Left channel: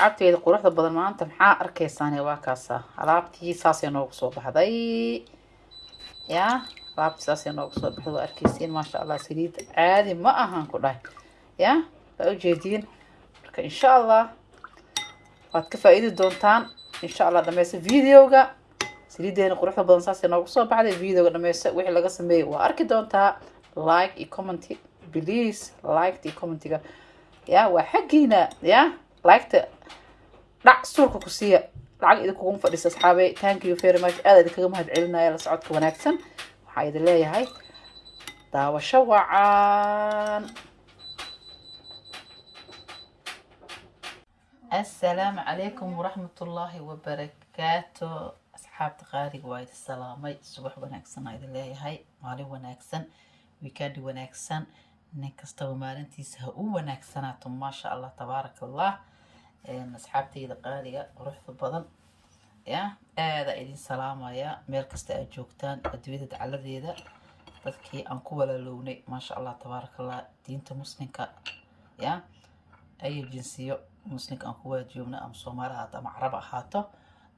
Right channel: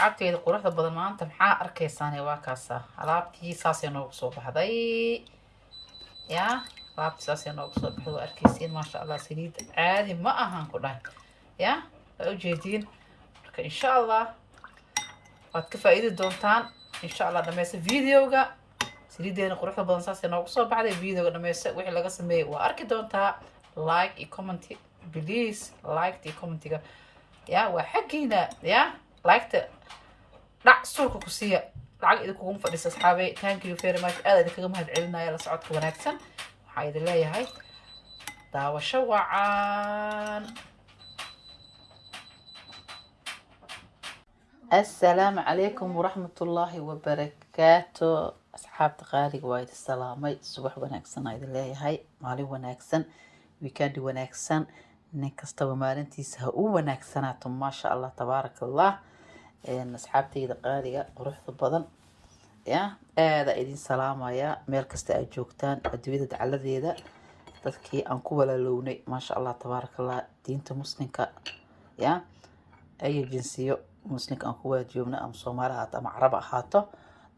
asxaabteeda quruxda badan maanta maxaa arkaysaan waa kaasa alaabtii saasay noogu soo baxday yaa alaabtii saasay noogu soo baxday waa arkaysiin maasha allah saliid caadi ma ahan ku dhahay yaa waa ujeediin marka insha allah waad ka faa'iidi doontaan insha allah dhammaysta videoga saliideena quruxda badan saasay noogu soo baxday videoga dhammaysta wixii laga sameeyay waa arki doontaa like iyo comment please like iyo commentiga yaa waa xaggiina yaa like dhac suurka ku siiya lacag idinkugu fadhiisa asxaabay thank you very much aad idinkaga mahad celinaya la socodka wanaagsan waxaa idin leeyahay daawasho wacan assalaamu calaykum waraxmatullaahi wabarakaatu asxaabta qaaliga waa idin salaamay subax wanaagsan aa idin leeyahay maalin wanaagsan weekend wanaagsan nin kastaba maalintiisa ha u wanaagsanaato maasha allah tabaaraka allah asxaabteyda qaaliga quruxda badan ya aada idin salaamaya meel kasta aad joogtaan adduunyada dacaladeeda dadkii aan ku walaalownay maasha allah tabaaraka allah diinta muslimka ya ayo jinsiyo muslimka aan ku walajoogna ama soomaali ahaato ama carab ahaato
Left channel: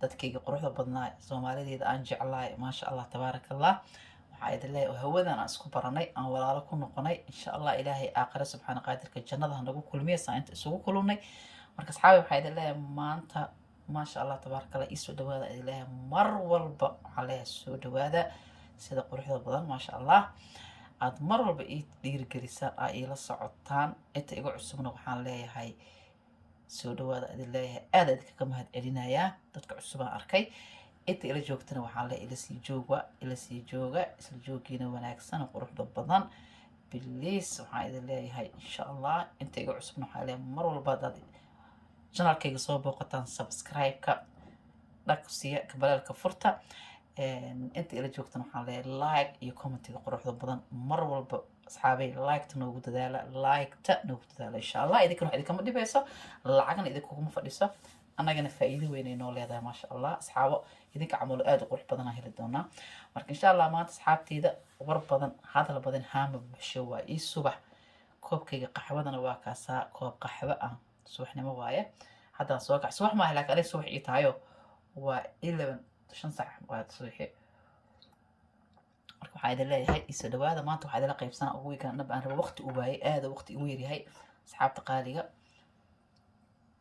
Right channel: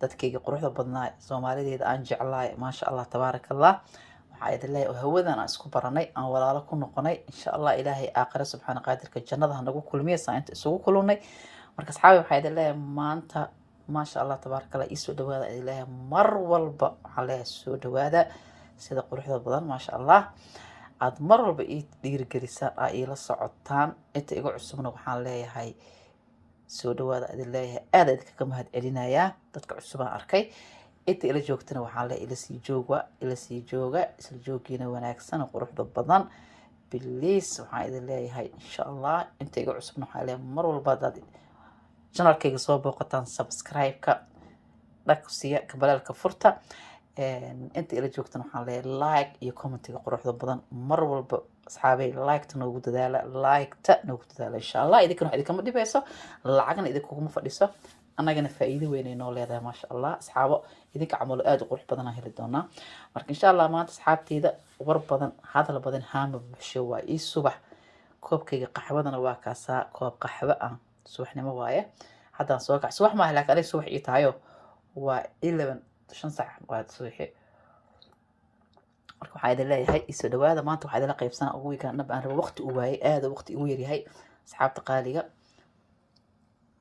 dadkayga quruxda badnaa soomaalideeda aan jeclahay maasha allah tabaaraka allah waxaa idin leeyahay hawadan aan isku baranay aan walaalo ku noqonay insha allah ilaahay aakhira subxaana qaadirka jannada hanagu kulmiya saa inta isugu kulunay marka asxaabi waxaa idin leeyahay maanta maasha allah tabaaraka allah iisoo dhawaada idin leeyahay mar walba waxaa leeyahay soo dhawaada sida quruxda badan maasha allah aad mar walba ii dhiirigelisaan aa iila socotaan inta igu cusubna waxaan leeyahay soo dhawaada idin leeyahay aada idinkaga mahad celinayaa dadka cusubaan arkay inta ila joogtana waxaan leeyahay ila sii jooga isla joogiina wanaagsan quruxda badan biliis waxaan idin leeyahay insha allah inta igu cusubna waxaan leeyahay mar walba dad channelkayga soo booqataan subscribe-ka dhagsiya kabalaalka furta inta ila joogtana waxaan leeyahay like iyo commentiga quruxda badan mar walba asxaabay like-ta noogu dadaala insha allah idinkana wax idinkama dhibayso lacagna idinkuguma fadhiso annagana faa'iido weyn ay noo leedahay maasha allah asxaabo idinka camalo aada u qurux badan aan heli doonaa marka insha allah maanta asxaabteyda war badan hadal badan haama bulsho waa ii subax koobkayga qaxwadana waa kaasaa koob qaxwo ah subaxnimo waaye haddaan soo kac subax maaha laakiin anay subax ii tahayo waa 5 sac waa subaxi marka waxaa idin leeyahay isoo dhawaada maanta waxaa idinla qaybsanaa ugu weegaan dhab aan rabo waqti u waayay aada waqti igu yaryahay asxaabta qaaliga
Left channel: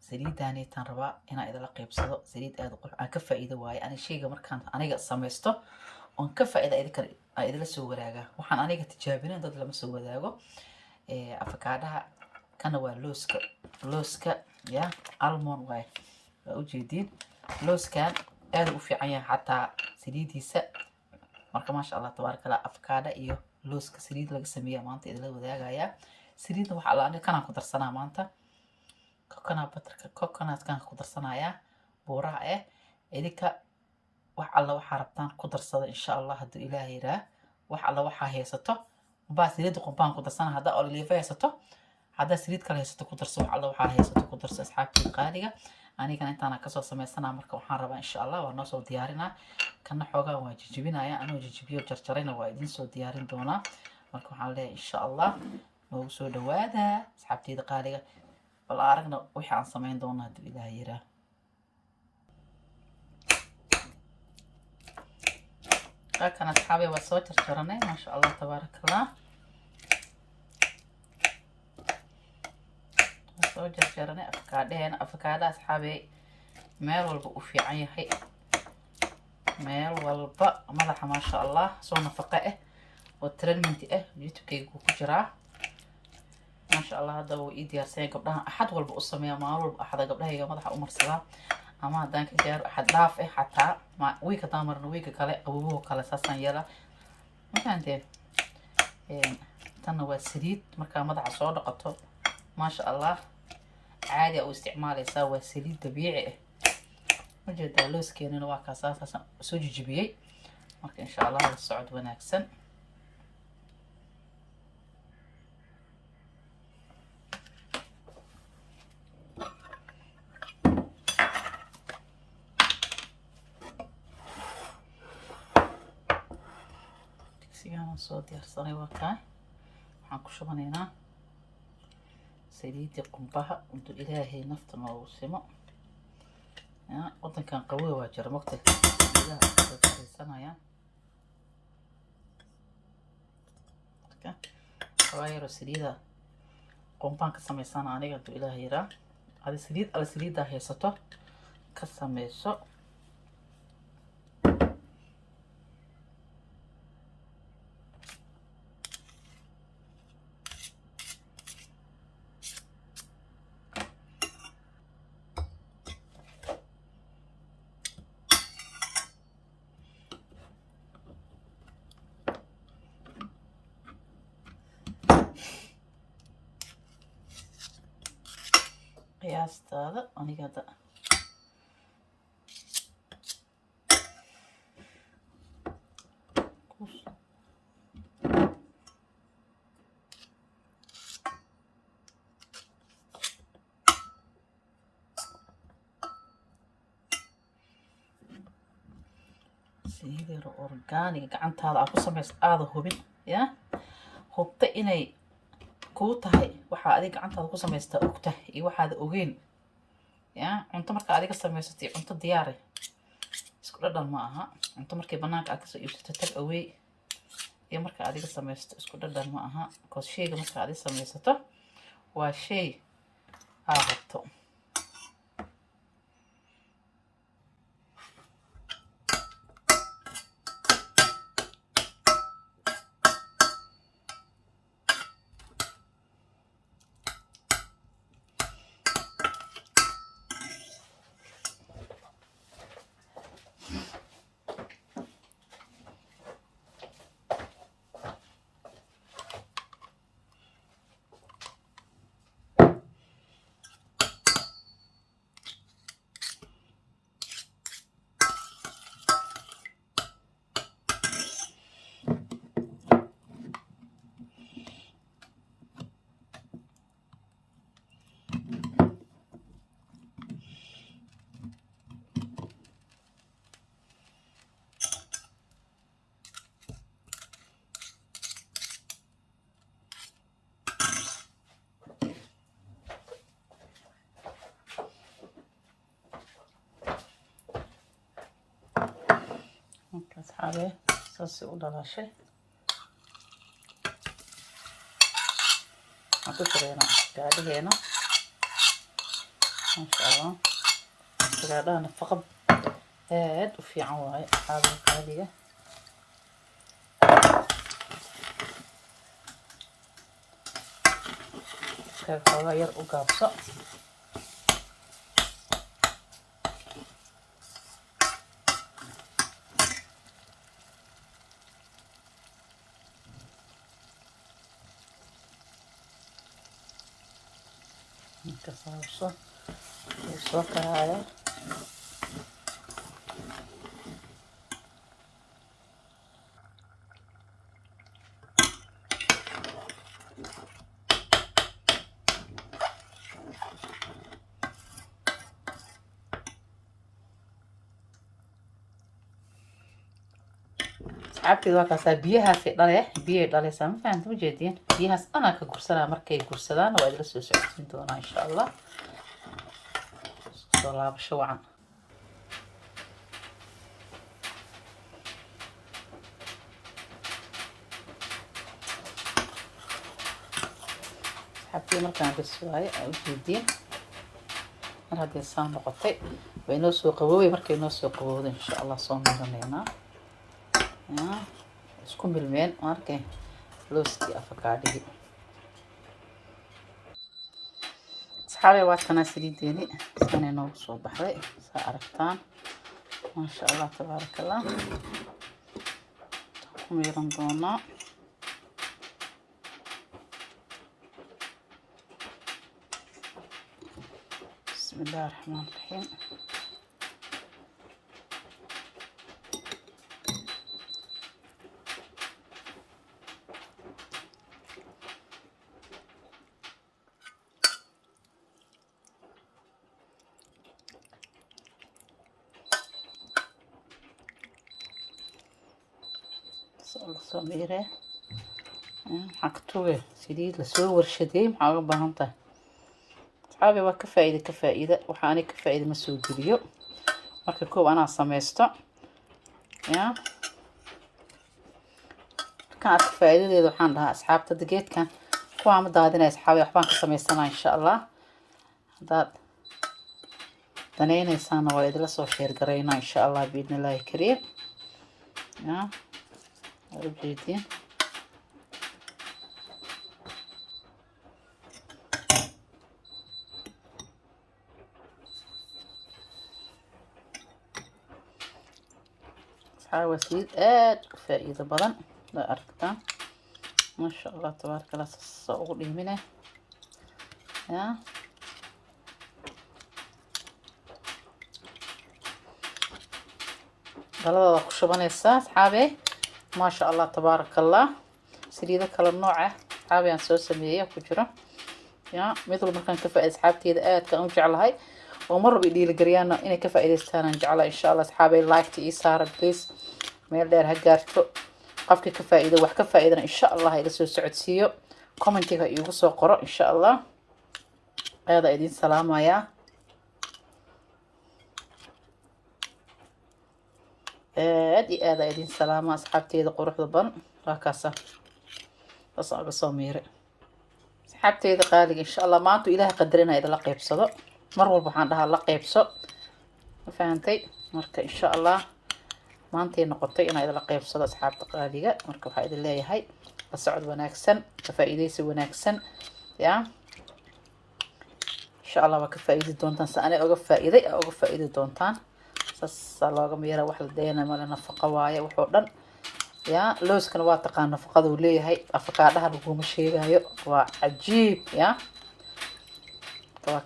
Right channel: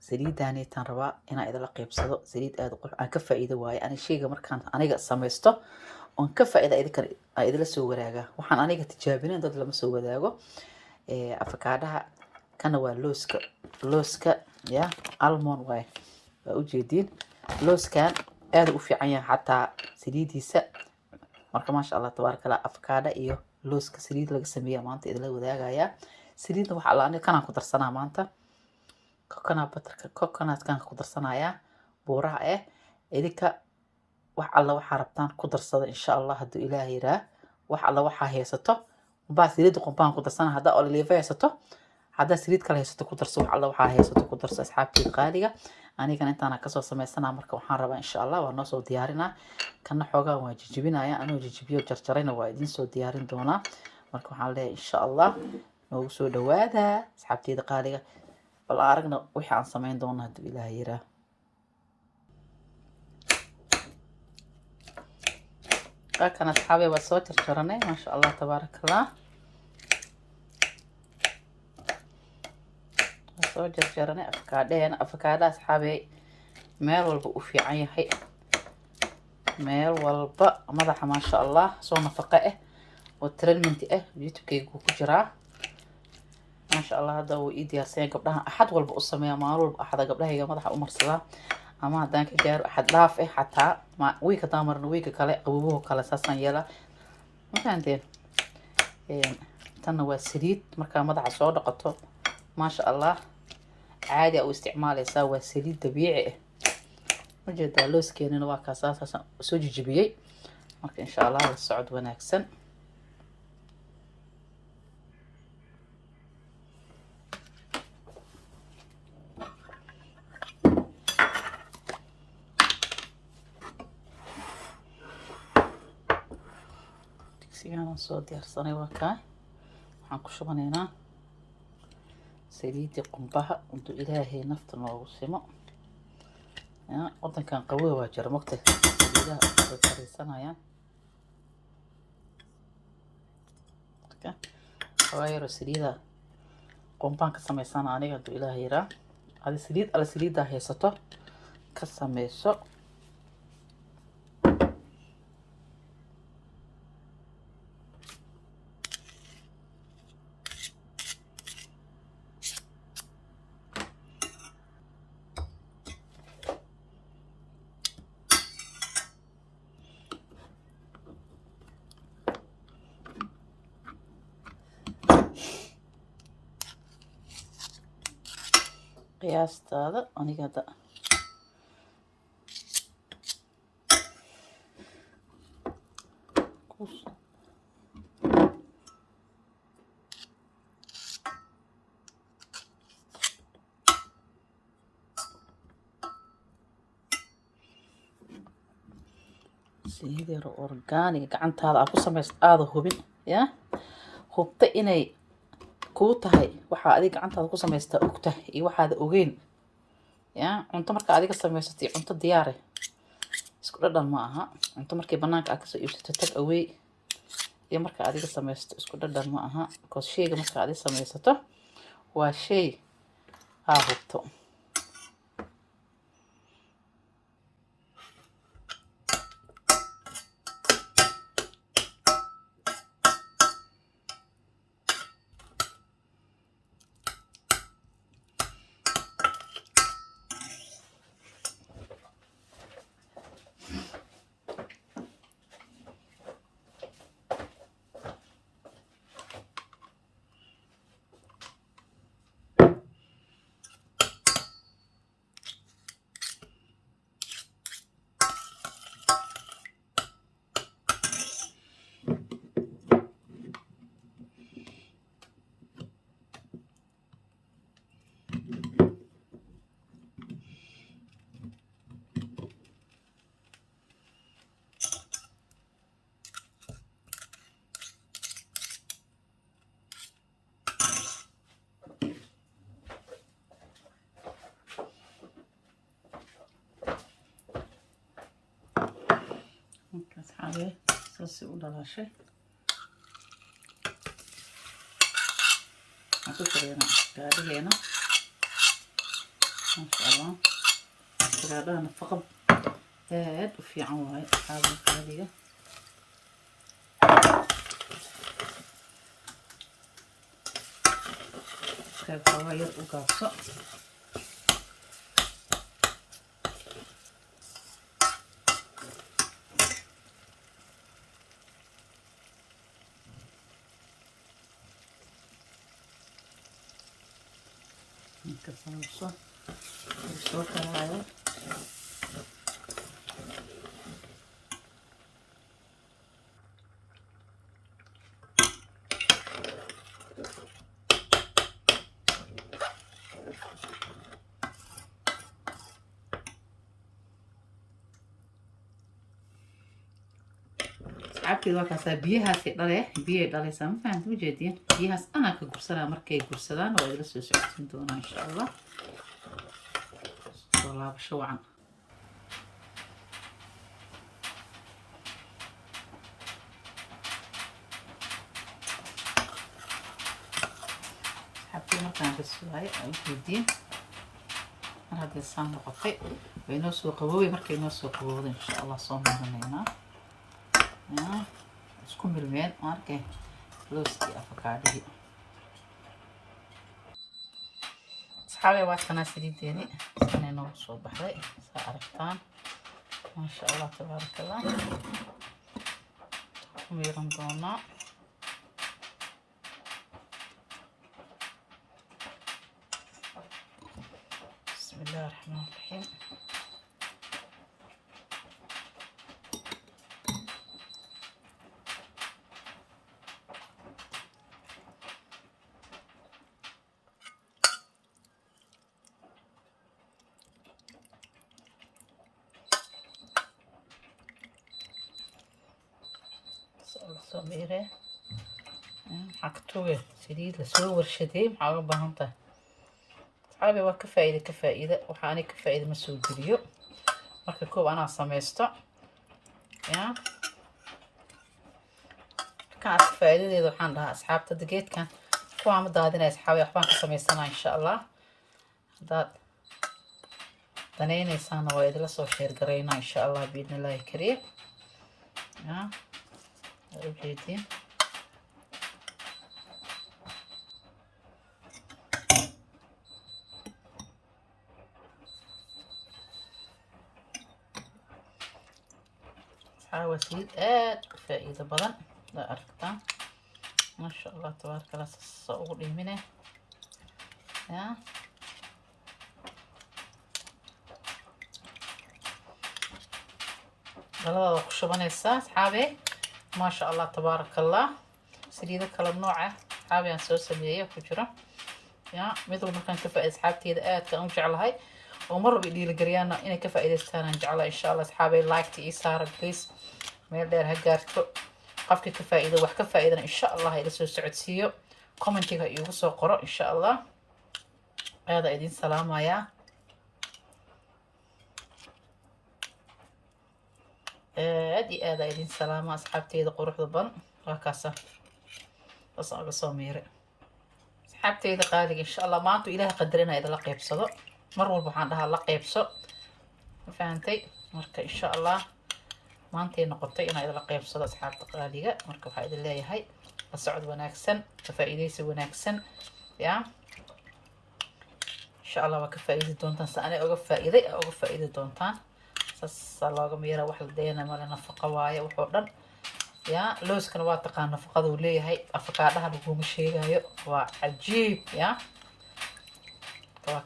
saliidaanaytaan rabaa inaan idinla qaybsado saliid aada qurux aan ka faa'iido waaye ana sheyga markaan aniga samaysto oon ka faa'iida idinkan aan idinla soo wadaagaa waxaan aniga tijaabinayn dad lama soo wadaago afakaadhaha kana waa looska ya almond waaye waa ujeediin looskan aada u fiican yahay xataa saliidiisa marka maasha allah tabaaraka allah afakaadha iyo looska saliid laga sameeya maanta idinla wadaagayaa saliidna waxa alla aniga kanaan ku darsanaa maanta coconutkan ku darsanayaa buuraha idinka wax alla waxaa rabtaan ku darsada insha allah hadduu ilaah yiraa wax alla waxaa haysato baa saliid qombaan ku darsana haddaa olive haysato haddaa saliid kale haysato ku darso wax alla waxaa haysato ku darso asxaabtii qaaliga anigana intaana kasoo samaysanaa marka waxaan rabaa insha allah waa noo soo diyaarinaa kana xoogaa waa jijibinaya anoo jijibiyo jarjarayna waa idin soo diyaarin doonaa marka waxaan leeyahay insha allah noogu soo dhawaada asxaabteyda qaaliga bal aragna wixii aan samayn doona hadduu ilaah yiraa kan asxaabey waa soo jarjaranay maasha allah tabaaraka allah soo jarjaranay afakaadha asxaabey meel walba u fiican yahay meel walba madaxa maasha allah soo nafaqo oo treatment youtube-kayga ku jiraa maasha allah hadda wuu ii diyaarsan gabdhaha axad walba u sameeya maalin walba axada gabdhahayga madaxa u marsadaa ama haddaan ka gaaro axad dhaaf xataa wiig haddaan marno wiiga kale qabobuhu kale saasaan yeelaa mafahanteen tanna waa saliid markaa madaxa soo dhaqato maasha allah caadi aa u isticmaalaysaa waa saliid dabiici ujeedaa looskeenana waa kaasaasaan soo jijibiyey marka insha allah la socod wanaagsan digsigaan soo diyaarsanay waa kaa waxaan ku shubanaynaa saliidii qumbaha intuu ilaahay nafta noogu simo wadankan qabow waa jira mogta saliidaha way karisanayaan marka xawayaro saliida qombaan ka samaysan aniga duu ilaahay yaraa adi saliida haysato ka samayso qiyaastaada aniga da saliid yar organic gacantaada aad ku samaysto aada hubin ya hubta inay kuu tahay waxaa adiga gacantaada ku samaysta ogta iyo waxaada ogeyn ya cunto marka adiga samaysatay cunto diyaare isku dhadhan ma aha cunto markii banaanka aad kasoo iibsato tag away iyo marka adiga samaysto isku dhadhan ma aha because shayga marka adiga samaysato waa shay aad hubto asxaabe saasi u dhalashay waxaan ku xireena gaadhigeena maasha allah gaadhaha nafaqad aad u fiican waaye asxaabe gaadhiga xoogaa yar u gaabso kasayso soo karaaya asxaabteeda waa kaasaa biyahaasay biyay dhalaysaa ma fahamta ma jeediin biyahaas anaa ka gursanaa markay gursadaan waa idila soo socodsiin doonaa insha allah soo laabasho wacan asxaabteeda markaan gaswaayo ay jeediin mar haddii saan noqotay way noo soo qaboobay markay noo soo qabowda insha allah soo maranaynaa isku milmeen arkay looskii afakaadhigi asxaabay waa tanaa saliideeni sanay noogu soo baxday saa aragtaan maasha allah tabaaraka allah ku miiran doonaa bismillahi raxmaan raxiim soo miire maxaa ka tuge saliid lasoo warshadeey maxaa uga baahan tahay asxaabi waa ka faa'iida waxaa ani ka faa'iida ma soo geliyo marka koob anaa samaysto ya kan aad faa'iidadeeda waxaan dhahaa asxaabta geedkan kuwaa ma daadinay asxaabay waxbaan ka samaysanaa insha Allah hadaad danaynaysaan waa idila soo sheer gareynaa insha Allah biidnillaahi kariim ya ujeedin وسيد فائدة بدن لا أركتان ما شاء الله تبارك الله صقور يمينه يا هلا قشبان الساس حابي ما شاء الله تبارك الله سريدة كل النوع حابي عن سوس مية كجرة يا مثل ما كان كفاءة أصحابتي إذا كانوا جعلها هاي ومر بدي الجريانة إن كفاءة استانا نجعلها إن شاء الله أصحابي لايك تيسار بليز meel dheer ha gaarto qofkii ka faa'iido wax ka faa'iidana insha Allah ila soo socodsiiyo commentiga iigu soo qoro insha Allah aad idin salaamaya aad idin salaama asxaabteeda quruxda badan waakaasa asaaga soo meere asxaabteeda qaaliga insha Allah maanta ilaahay qadarina idin la qaybsado mar walba waxaan dhahaa la qaybso ma fahantay marka insha Allah maantay noqotay inay idin la qaybsado asxaabta qaaliga marka waxa idin leeyahay la socod wanaagsan ka faa'iideysi wanaagsan ya insha Allah waa ka faa'iidi doontaan saanay uga faa'iidi doontaan sasa looga meera wax la deena ma nafaqo waaye wuxuu dhan ya looskana waa taqaan nafaqada uu leeyahay afakaadhaha laguma sheegayo waa cajiib ya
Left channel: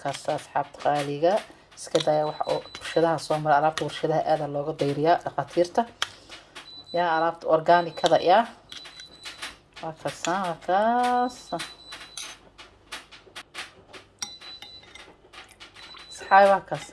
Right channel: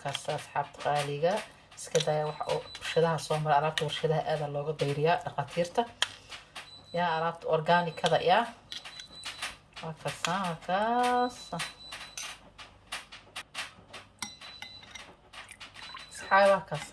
kaas asxaabta qaaliga iska daya waxa oo warshadaha soo mara alaabta warshadaha aad looga dayriyaa dhaqaatiirta ya alaabta organicada ya kaas asxaabta kaas